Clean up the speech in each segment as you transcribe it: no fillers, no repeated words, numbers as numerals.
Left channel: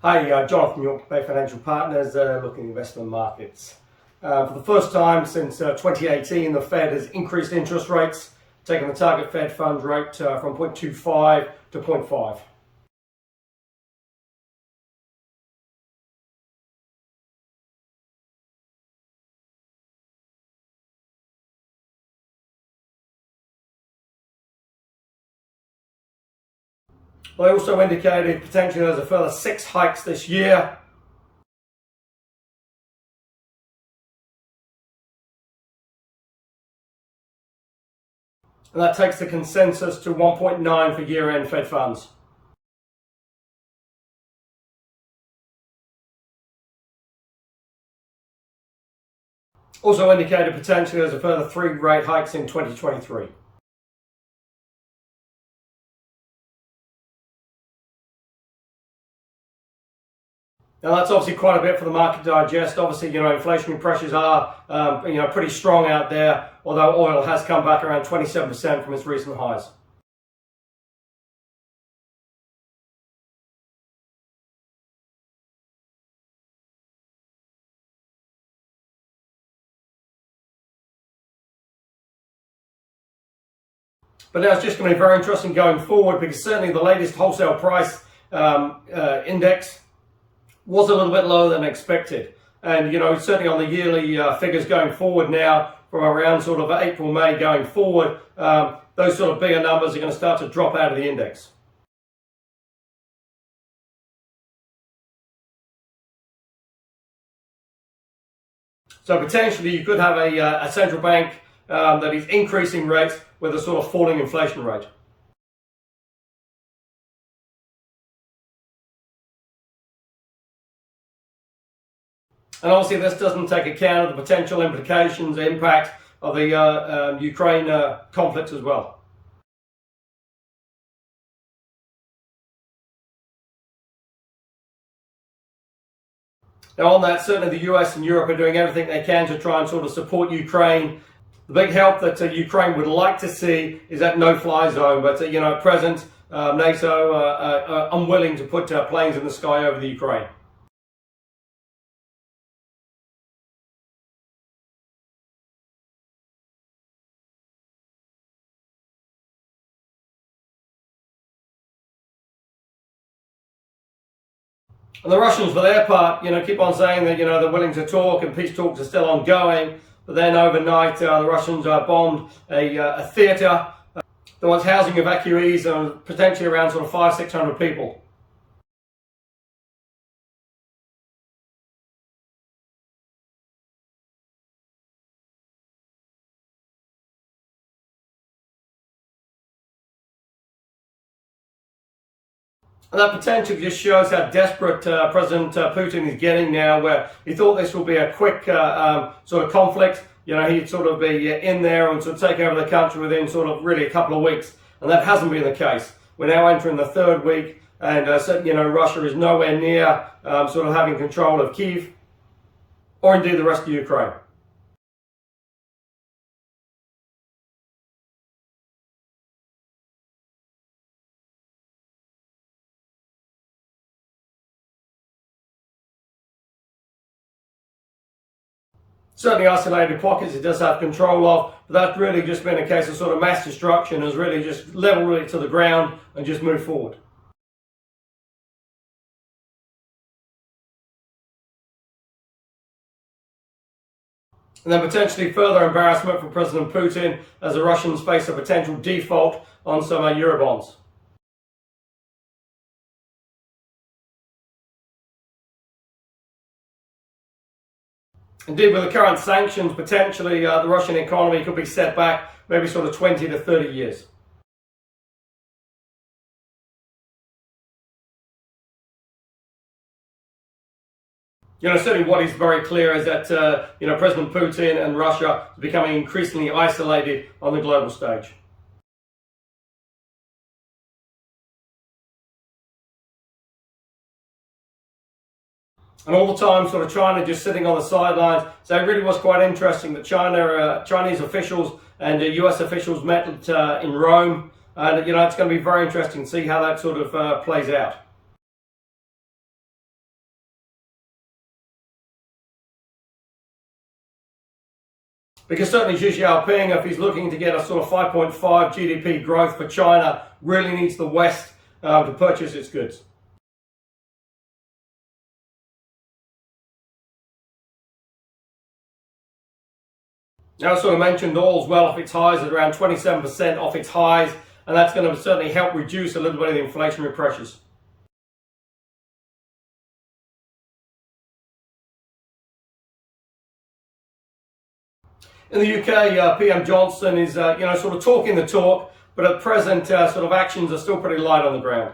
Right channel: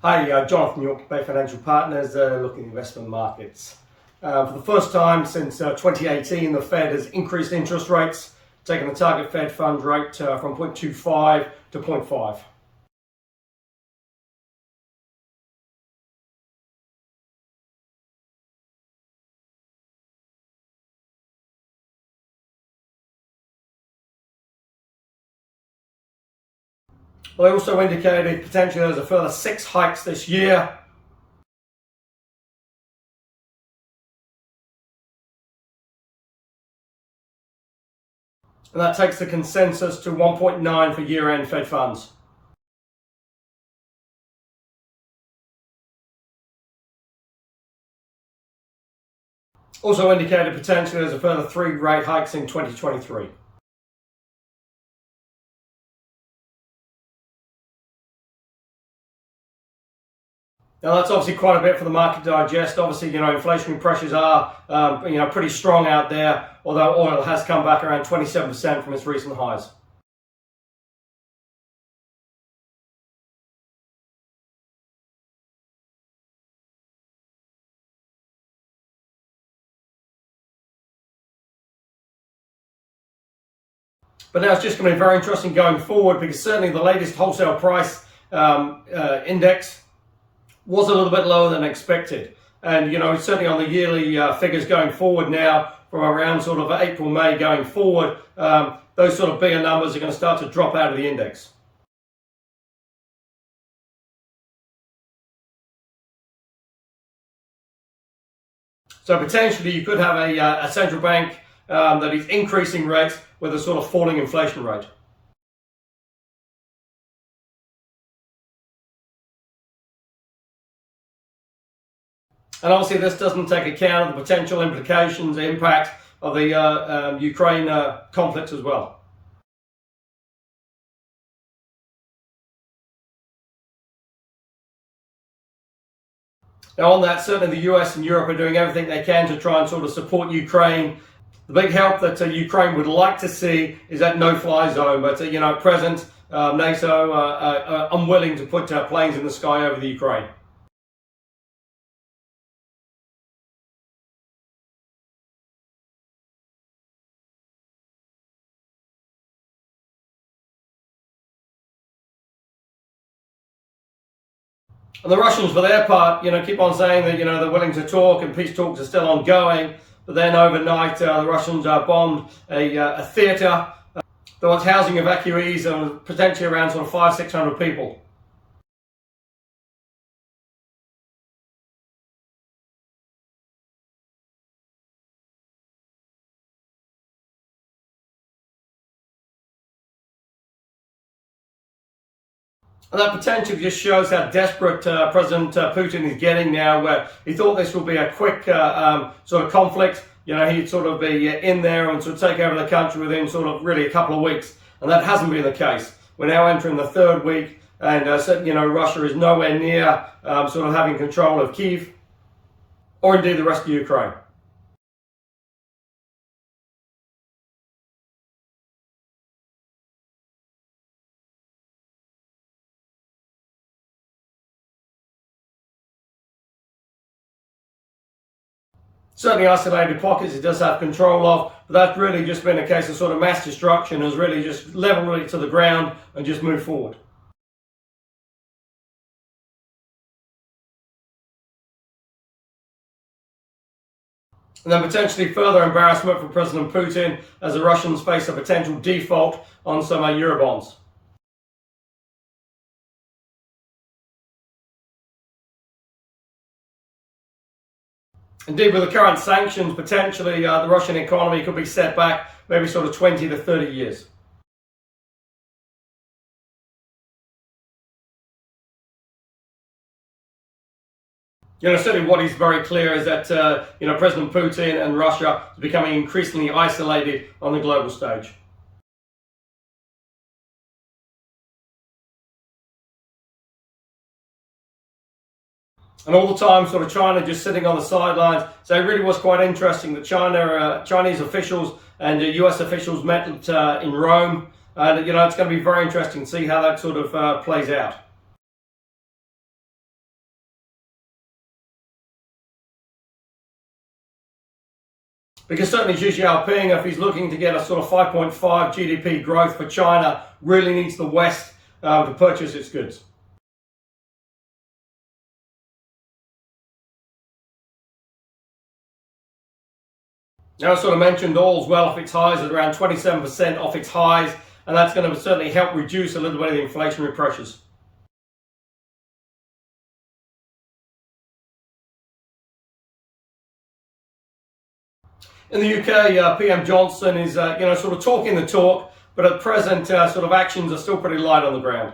Hi, Jonathan York, Bay Financial Partners, looking at investment markets. For the first time since 2018, the Fed has increased interest rates, taking the target Fed funds rate from 0.25 to 0.5. Well, they also indicated potentially there's a further 6 hikes this year. And that takes the consensus to 1.9 for year-end Fed funds. Also indicated potentially there's a further 3 rate hikes in 2023. Now that's obviously quite a bit for the market to digest. Obviously, inflationary pressures are, pretty strong out there, although oil has come back around 27% from its recent highs. But now it's just going to be very interesting going forward, because certainly the latest wholesale price index was a little bit lower than expected. And, certainly on the yearly figures going forward now, from around sort of April, May going forward, those sort of bigger numbers are going to start to drop out of the index. So potentially you could have a central bank that is increasing rates with a sort of falling inflation rate. And obviously this doesn't take account of the potential implications, the impact of the Ukraine conflict as well. Now on that, certainly the US and Europe are doing everything they can to try and sort of support Ukraine. The big help that Ukraine would like to see is that no-fly zone, but at present NATO are unwilling to put planes in the sky over the Ukraine. And the Russians, for their part, keep on saying that they're willing to talk and peace talks are still ongoing. But then overnight, the Russians bombed a theater that was housing evacuees and potentially around sort of 500-600 people. And that potentially just shows how desperate President Putin is getting now, where he thought this would be a quick sort of conflict. He'd sort of be in there and sort of take over the country within sort of really a couple of weeks. And that hasn't been the case. We're now entering the 3rd week, and Russia is nowhere near sort of having control of Kyiv or indeed the rest of Ukraine. Certainly isolated pockets it does have control of, but that's really just been a case of sort of mass destruction, has really just leveled it to the ground and just moved forward. And then potentially further embarrassment for President Putin as the Russians face a potential default on some Eurobonds. Indeed, with the current sanctions, potentially the Russian economy could be set back maybe sort of 20 to 30 years. Certainly what is very clear is that, President Putin and Russia are becoming increasingly isolated on the global stage. And all the time, sort of China just sitting on the sidelines. So it really was quite interesting that Chinese officials and US officials met in Rome. And, it's going to be very interesting to see how that sort of plays out. Because certainly Xi Jinping, if he's looking to get a sort of 5.5 GDP growth for China, really needs the West to purchase its goods. Now, I sort of mentioned oil's well off its highs at around 27% off its highs, and that's going to certainly help reduce a little bit of the inflationary pressures. In the UK, PM Johnson is, sort of talking the talk, but at present, sort of actions are still pretty light on the ground.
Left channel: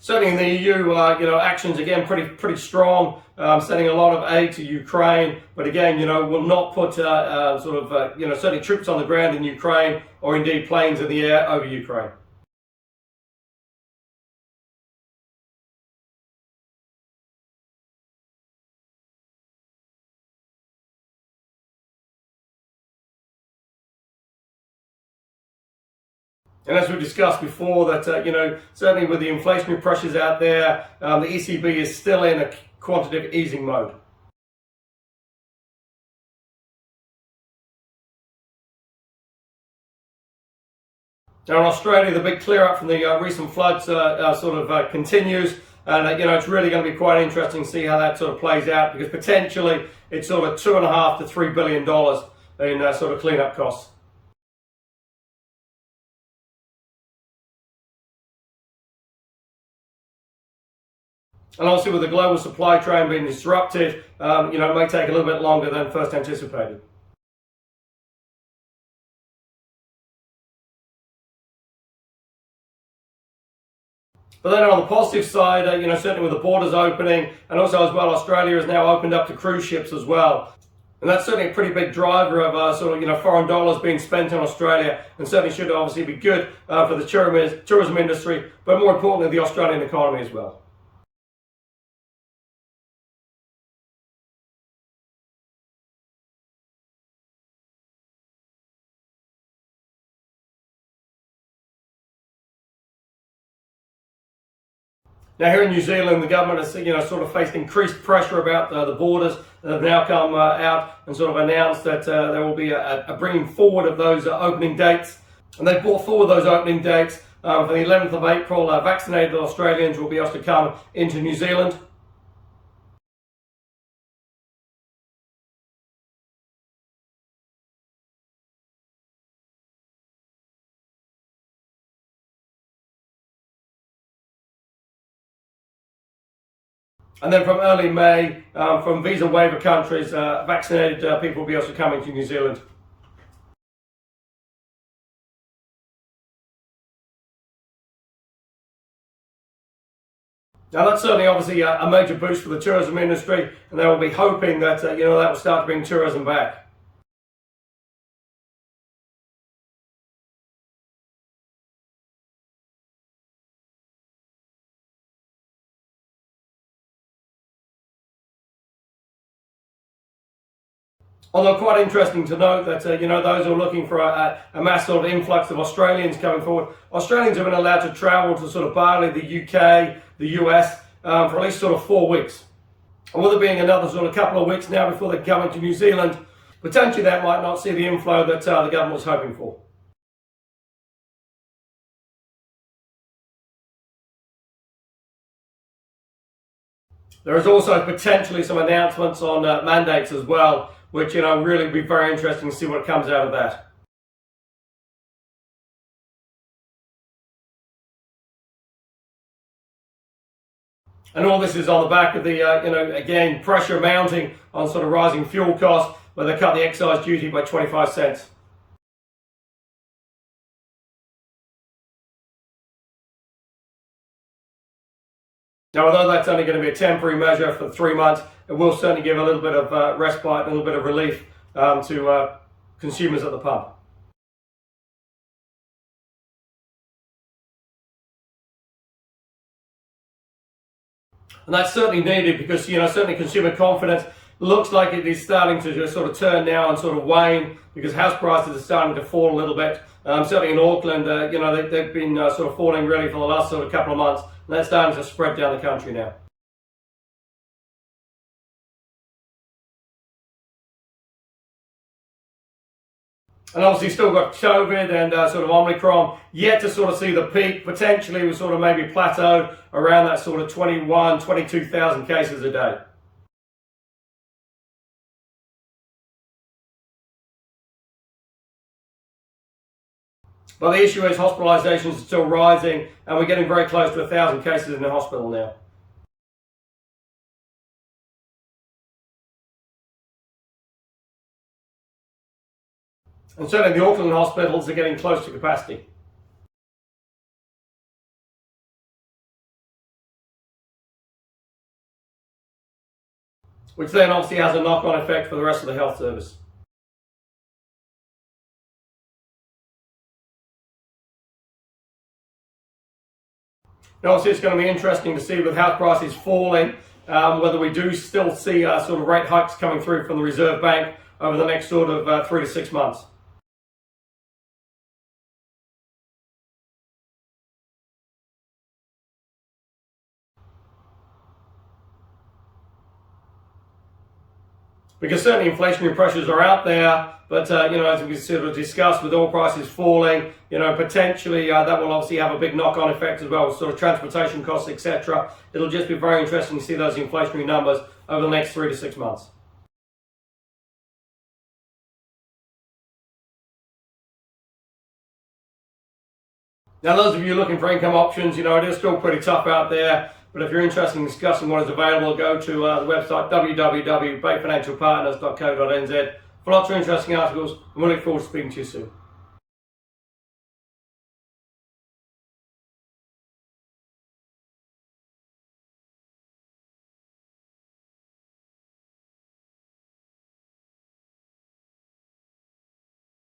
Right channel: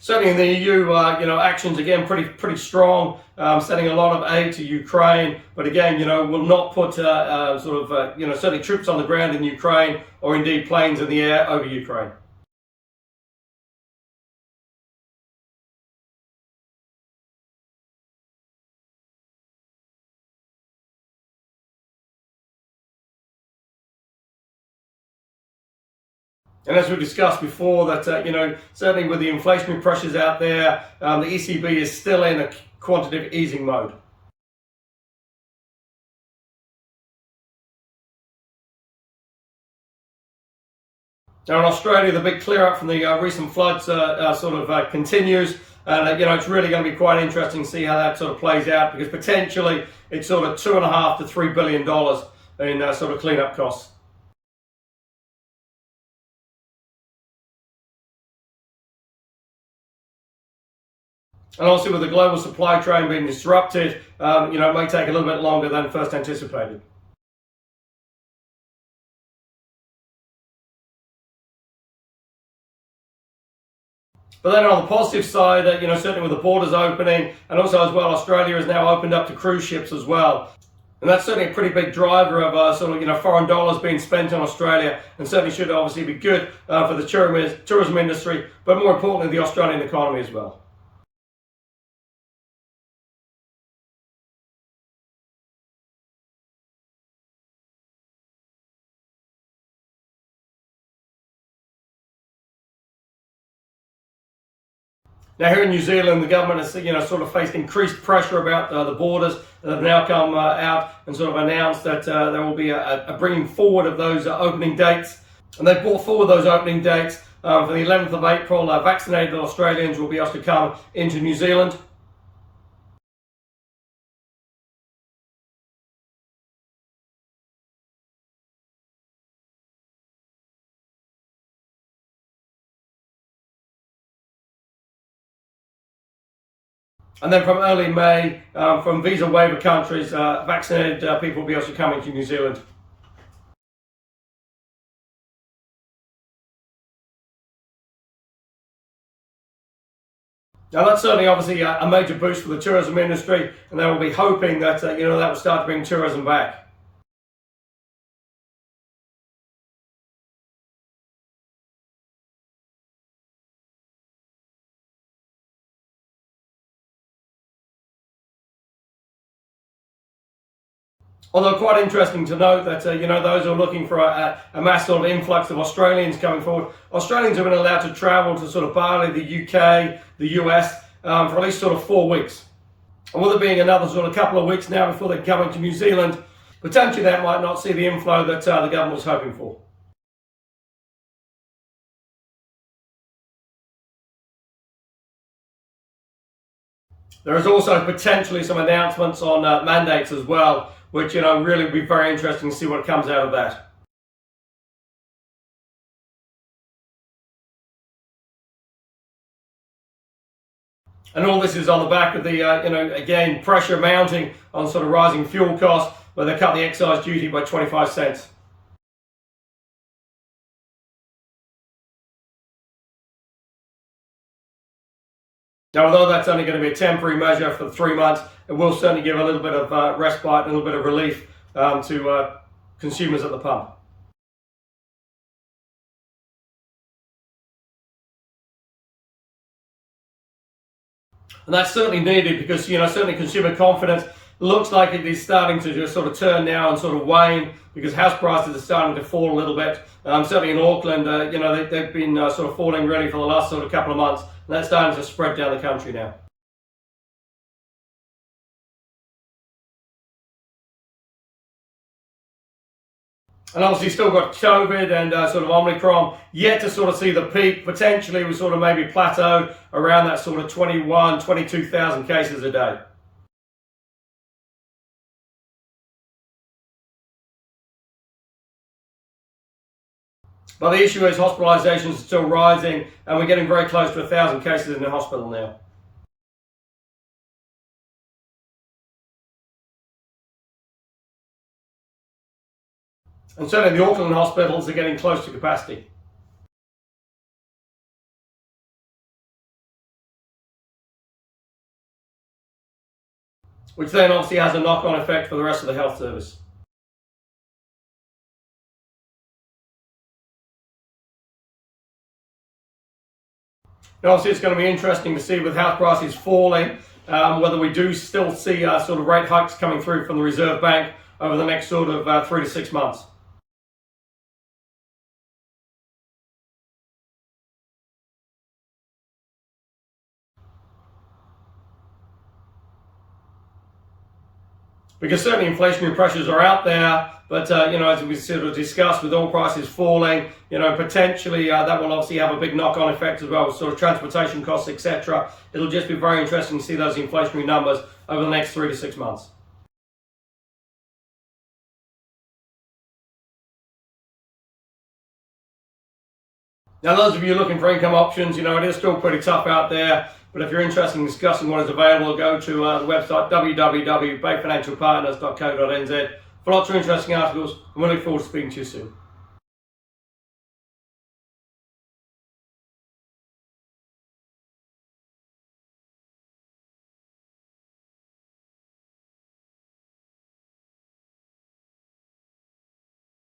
Certainly in the EU, actions again pretty strong, sending a lot of aid to Ukraine, but again, will not put certainly troops on the ground in Ukraine or indeed planes in the air over Ukraine. And as we discussed before, that certainly with the inflationary pressures out there, the ECB is still in a quantitative easing mode. Now in Australia, the big clear up from the recent floods continues, and it's really going to be quite interesting to see how that sort of plays out, because potentially it's sort of $2.5 to $3 billion in sort of cleanup costs. And obviously with the global supply chain being disrupted, it may take a little bit longer than first anticipated. But then on the positive side, certainly with the borders opening, and also as well, Australia has now opened up to cruise ships as well. And that's certainly a pretty big driver of foreign dollars being spent on Australia, and certainly should obviously be good for the tourism industry, but more importantly, the Australian economy as well. Now here in New Zealand, the government has sort of faced increased pressure about the borders that have now come out and sort of announced that there will be a bringing forward of those opening dates. And they've brought forward those opening dates for the 11th of April. Vaccinated Australians will be able to come into New Zealand. And then from early May, from visa waiver countries, vaccinated people will be also coming to New Zealand. Now that's certainly obviously a major boost for the tourism industry, and they will be hoping that that will start to bring tourism back. Although quite interesting to note that those who are looking for a mass sort of influx of Australians coming forward, Australians have been allowed to travel to sort of Bali, the UK, the US for at least sort of 4 weeks. And with it being another sort of couple of weeks now before they come into New Zealand, potentially that might not see the inflow that the government was hoping for. There is also potentially some announcements on mandates as well, which really will be very interesting to see what comes out of that. And all this is on the back of the again pressure mounting on sort of rising fuel costs, where they cut the excise duty by 25 cents. Now, although that's only going to be a temporary measure for 3 months, it will certainly give a little bit of respite and a little bit of relief to consumers at the pump. And that's certainly needed because certainly consumer confidence looks like it is starting to just sort of turn now and sort of wane because house prices are starting to fall a little bit. Certainly in Auckland, they've been sort of falling really for the last sort of couple of months, and that's starting to spread down the country now. And obviously still got COVID and sort of Omicron yet to sort of see the peak. Potentially we sort of maybe plateaued around that sort of 22,000 cases a day. But the issue is hospitalizations are still rising, and we're getting very close to 1,000 cases in the hospital now. And certainly the Auckland hospitals are getting close to capacity. Which then obviously has a knock-on effect for the rest of the health service. Now, obviously, it's going to be interesting to see with house prices falling, whether we do still see sort of rate hikes coming through from the Reserve Bank over the next sort of 3 to 6 months. Because certainly inflationary pressures are out there, but as we sort of discussed, with oil prices falling, potentially that will obviously have a big knock-on effect as well, sort of transportation costs, etc. It'll just be very interesting to see those inflationary numbers over the next 3 to 6 months. Now, those of you looking for income options, it is still pretty tough out there. But if you're interested in discussing what is available, go to the website www.bayfinancialpartners.co.nz for lots of interesting articles, and we look forward to speaking to you soon.